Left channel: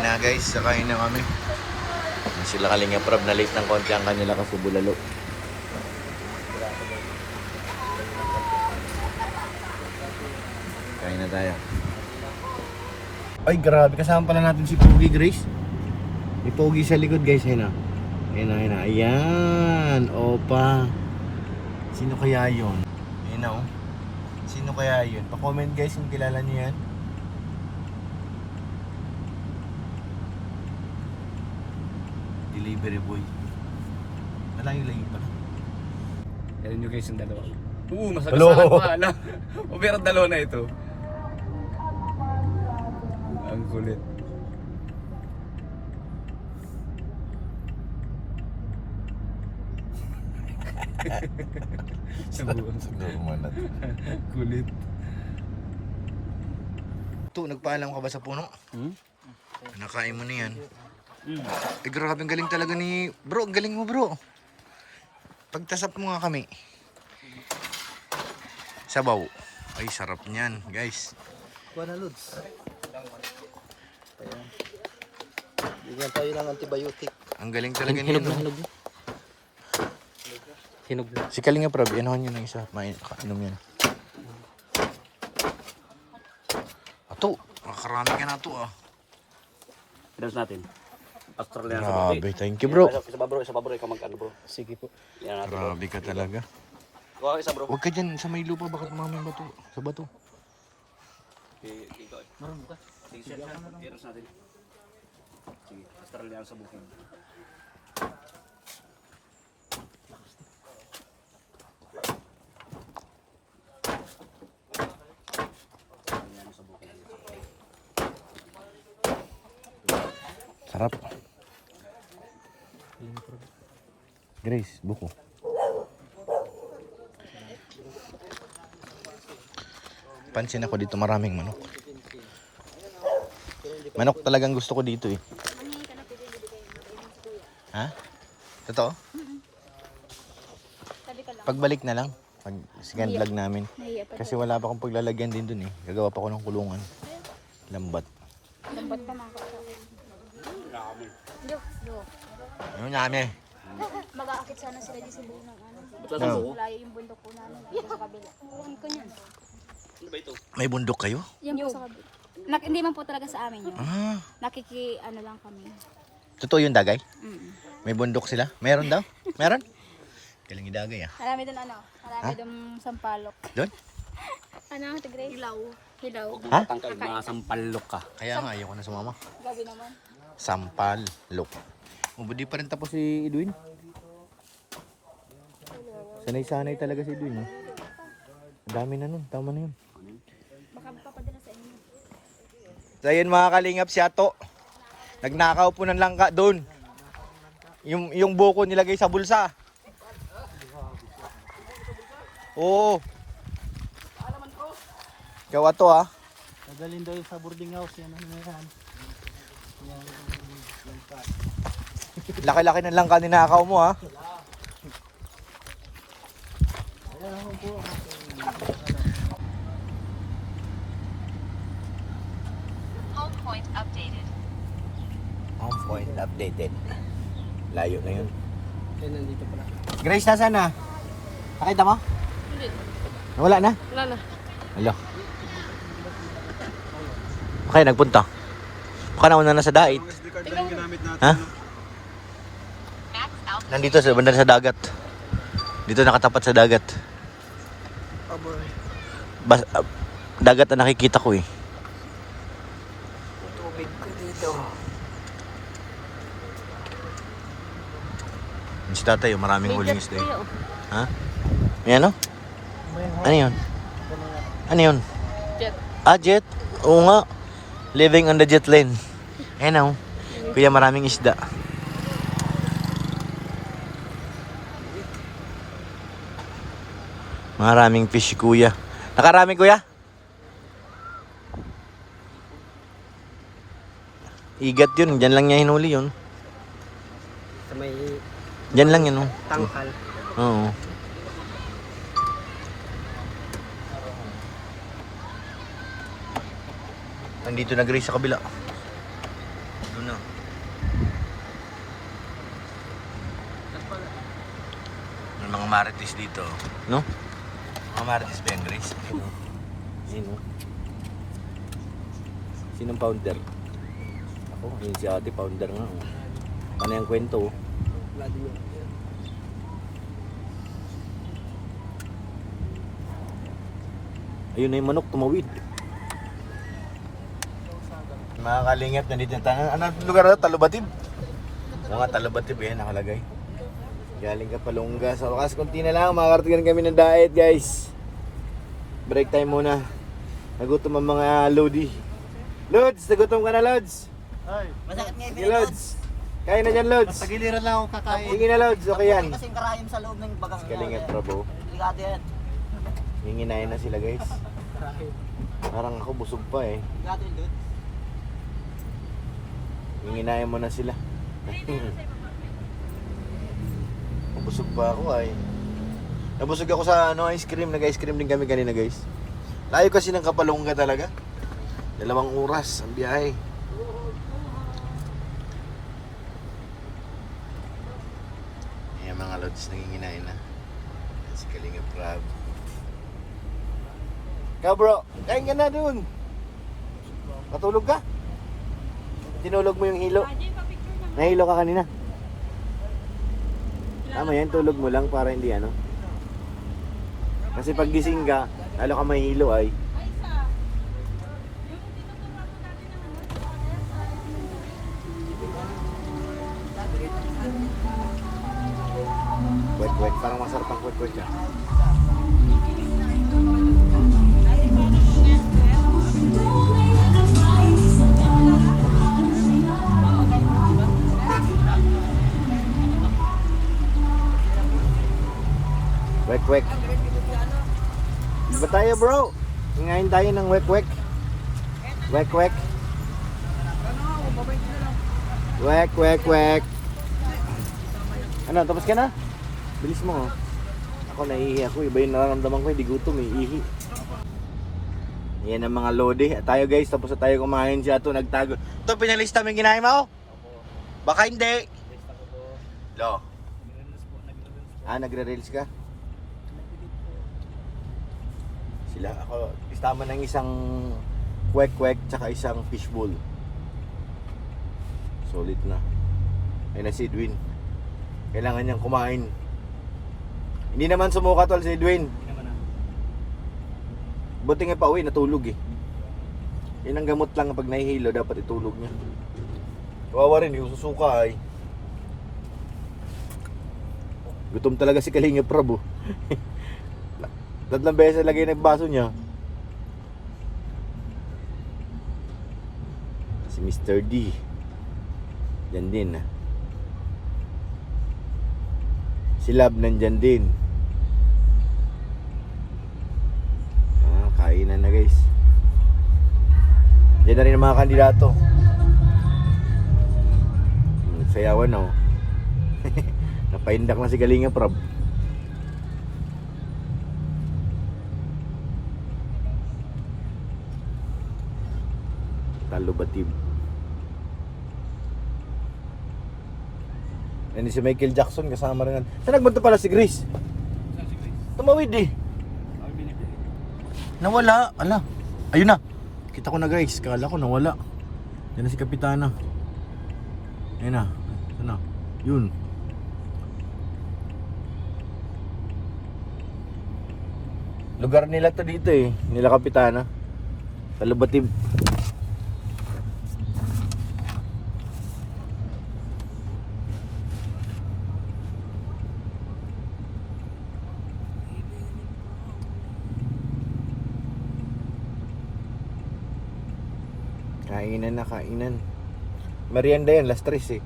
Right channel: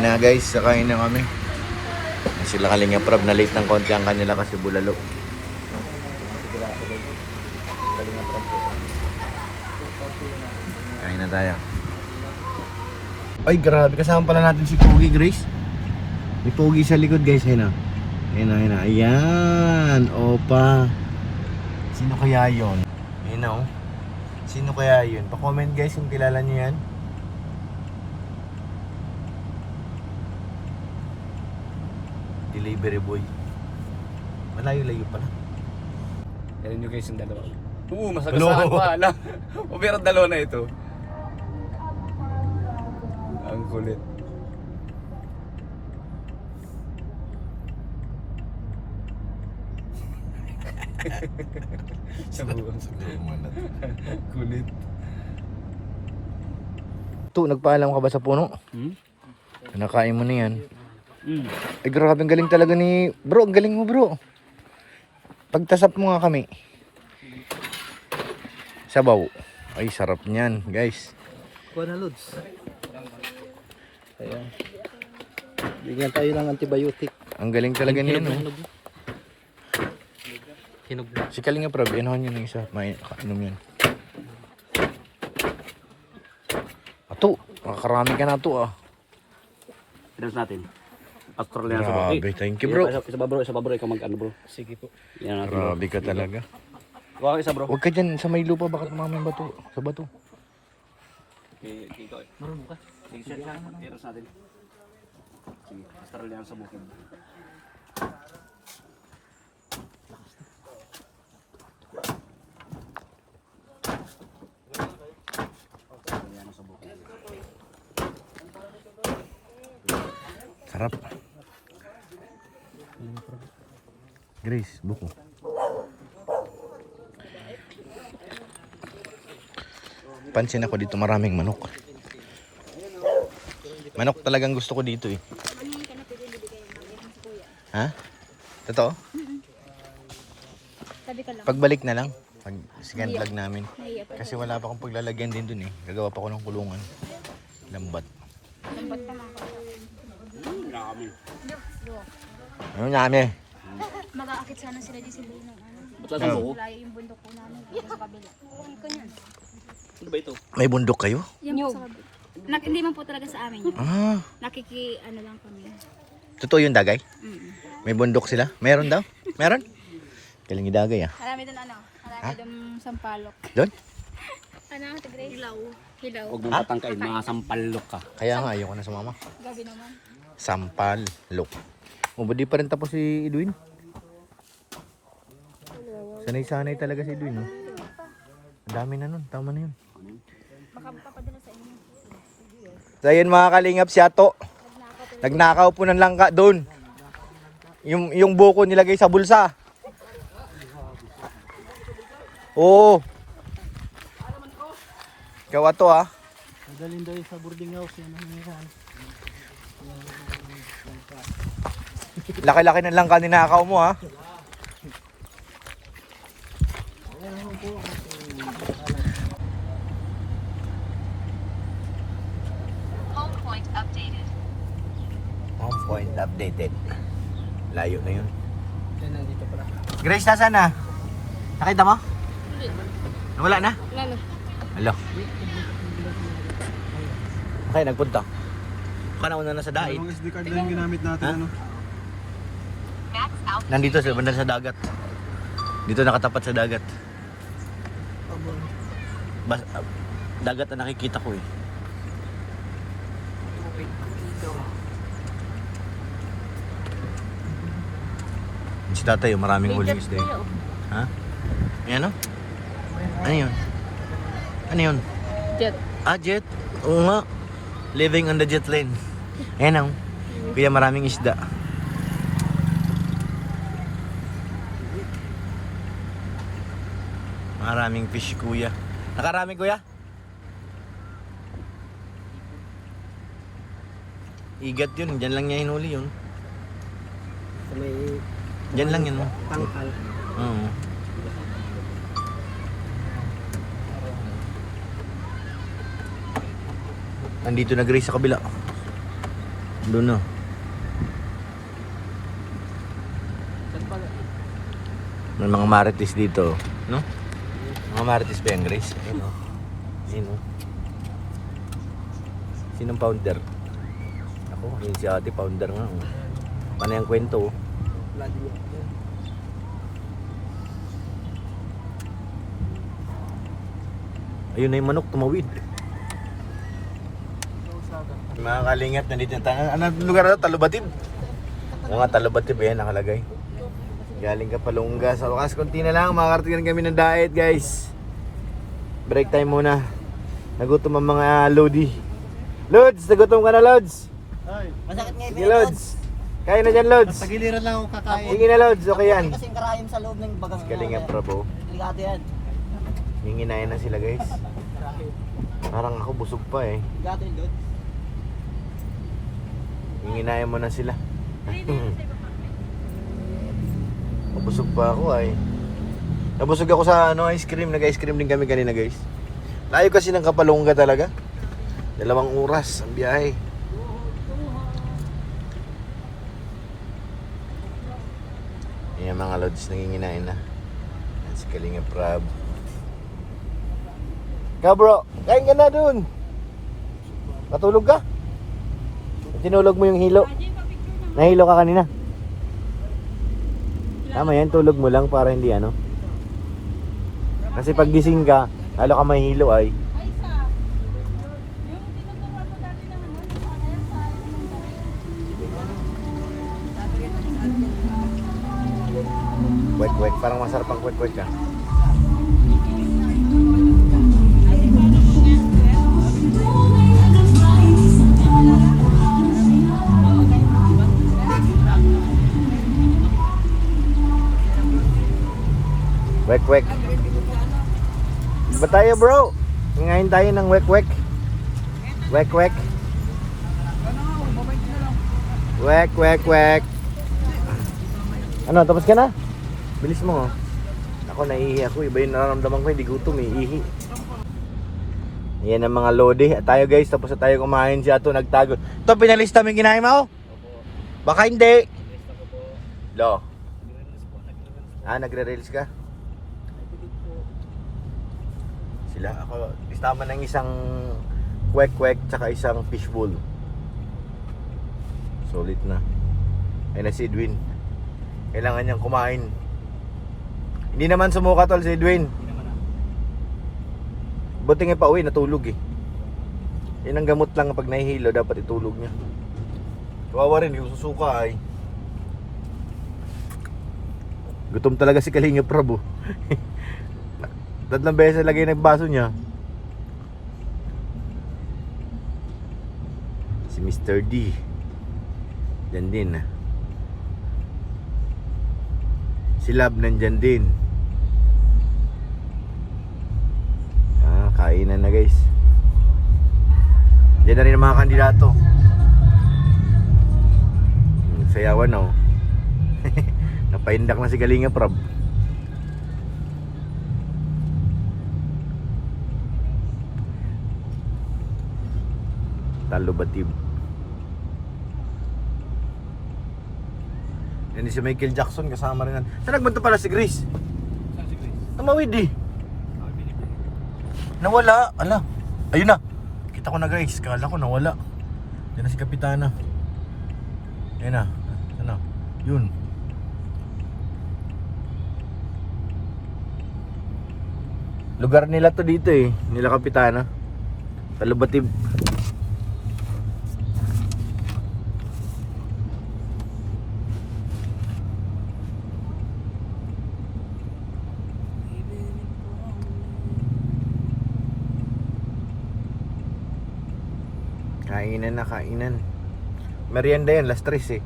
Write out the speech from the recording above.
Ayan na guys, sakain na kami. Sila Kalinga Prab na late ng konti ang kanila kasi bulalo. Kain na tayo. Ay grabe, kasama pala natin si Pogi Grace. May Pogi sa likod guys, ayun na. Ayun na. Ayan, opa. Sino kaya yun? Ayun na oh. Sino kaya yun? Pa-comment guys kung kilala niyo yan. Delivery boy. Malayo-layo pala. Yan nyo guys yung dalawa. Oo, masagasaan pa. Ala. O pero dalawa na ito. Ang kulit. Sabuhan. Kulit. Ito, nagpaalam ka ba sa puno? Nakain mo na yan. Ay grabe, ang galing talaga ni bro, ang galing mo bro. Pagtasap mo nga kami. Sabaw. Ay sarap niyan guys. Kuha na loads. Ayan. Bigyan tayo ng antibiotic. Ang galing talaga niyan no. Hinog na. Si Kalinga Prab, inahan nyo na isa. Mainom yan. Ato, makakarami ka na to ah. Pinas natin. Australian sa bro. Grabe, thank you bro. Isa ba bro, ikaw mag-ano bro. Sige po. Yan natin. Grabe ka talaga. Huwag isa bro. Huwag ka dyan sa may lupa, baka tumama yung bato. Sa bato. Ikaw eh. Marunong ka? Sige, share siya. Pinas natin. Sige, Australian sa bukid. Australian sa bukid. Sarap. Grace, buko. Pansin ako dito maraming manok. Manok talagang gusto ko dito eh. Ha? Totoo? Pagbalik na lang. Pag second vlog namin. Kasi wala pa akong paglalagyan din dun eh. Gagawa pa ako ng kulungan. Lambat. Ano namin? Mag-aakit sana sila di sa buong ano. Ba't lang buko? Layo yung bundok po namin. Dito sa kabila. Ano ba ito? May bundok kayo? Yan po sa kabila. Hindi man po talaga sa amin yun. Ah, Ano lang kami. totoo yung dagay? Mm. May bundok sila? Meron daw? Meron? Galing yung dagay ah. Marami doon Marami doon sampalok. Doon? Ano ang tigre? Hilaw. Huwag mong patangkain, mga sampalok ka. Kaya nga, ayoko na sumama. Gabi naman. Sampalok. O, ba di pa rin tapos si Edwin? Sanay-sanay talaga si Edwin, no? Ang dami na nun, tama na yun. So, ayan mga kalingap, si Ato. Nagnakaw po ng langka doon. Yung buko nilagay sa bulsa. Oo. Ikaw Ato, ha? Magaling daw sa boarding house. Yan ang meron. Laki-laki ng langka ninakaw mo, ha? Home point updated. Home point updated. Layo na yun. Yan nandito pa. Grace, nasaan na? Nakita mo? Hindi. Nawala na? Wala na. Hello. Okay, nagpunta. Baka nauna na sa dait. SD card lang ginamit natin. Ha? Nandito sa banda sa dagat. Dito nakatapat sa dagat. Dagat na nakikita ko eh. Si tatay, maraming huling isda eh. Ha? Ayan o? Ano yun? Ano yun? Jet. Ah, jet? Oo nga. Living on the jet lane. Ayan o. Kaya maraming isda. Maraming fish, kuya. Nakarami, kuya? Igat yun. Diyan lang niya hinuli yun. May Diyan lang yun. Oh. tangkal. Oo. Nandito na Grace sa kabila. Doon na. May mga marites dito, no? Mga marites ba yan, Grace? Ayun o. Ayun o. Sinong founder? Ako, yun si ate, founder nga. Oh. Paano yung kwento? Oh? Ayun na yung manok, tumawid. Mga kalingap, nandito na tayo. Anong lugar na ito? Talubatib? Oo nga, Talubatib yan, nakalagay. Galing ka Palungga. Sa wakas, konti na lang. Makakarating kami ng diet, guys. Break time muna. Nagutom ang mga Lodi. Lods, nagutom ka na, Lods. Ay, masakit nga Sige, Lods. Kaya na dyan, Lods. Pagiliran lang ako kakain. Hingi na, Lods. Okay yan. Kasing karahim sa loob ng bagang. Kalingap, Prabo. Delikado yan. Hinginayin na sila, guys. Parang ako busog pa eh. Delikado yun, dude. Hinginayin mo na sila. Busog pa ako ay. Nabusog ako sa ice cream. Nag-ice cream din kami kanina, guys. Layo kasi ng Kapalungga talaga. 2 oras ang biyahe. Ayan mga lods, nanginginain na. Ayan si Kalingap Prab. Ikaw bro, kain ka na dun. Matulog ka? Tinulog mo yung hilo. Nahilo ka kanina. Tama yan, tulog mo lang para hindi ano. Kasi pag gising ka, lalo ka mahilo ay. Kwek-kwek, parang masarap ang kwek-kwek ka. Wek-wek. Ba tayo bro? Ngayon tayo ng wek-wek. Wek-wek. Wek-wek-wek. Ano, tapos ka na? Bilis mo oh. Ako naiihi ako, iba yung nararamdaman ko, hindi gutom eh, ihi. Yan ang mga lodi. At tayo guys, tapos na tayo kumain siya ito, nagtago. Ito, pinalista mo yung kinain mo? Baka hindi. Lo. Nagre-reels ka? Sila, ako, istama ng isang kwek-kwek tsaka isang fishbowl. Solid na. Ayun na si Edwin. Kailangan niyang kumain. Hindi naman sumuka tol si Edwin. Buti nga pa uwi, natulog eh. Yan ang gamot lang pag nahihilo, dapat itulog niya. Kawawa rin, yung susuka ay. Gutom talaga si Kalingap Prab. 3 beses lagay na yung baso niya. Si Mr. D. Diyan din ah. Si Lab nandyan din. Kainan na guys. Diyan na rin ang mga kandidato. Sayawan na oh. Napaindak na si Kalingap Prab. Talubatib. Yan si Michael Jackson kasama rin. Saan nagbanto pala si Grace? Tumawid eh. Nawala. Ala. Ayun na. Kita ko na Grace. Kala ko nawala. Yan na si Kapitana. Yan na. Ano? Yun. Lugar nila to dito eh. Nila Kapitana. Talubatib. Kainan na kainan. Merienda yan, last 3 eh.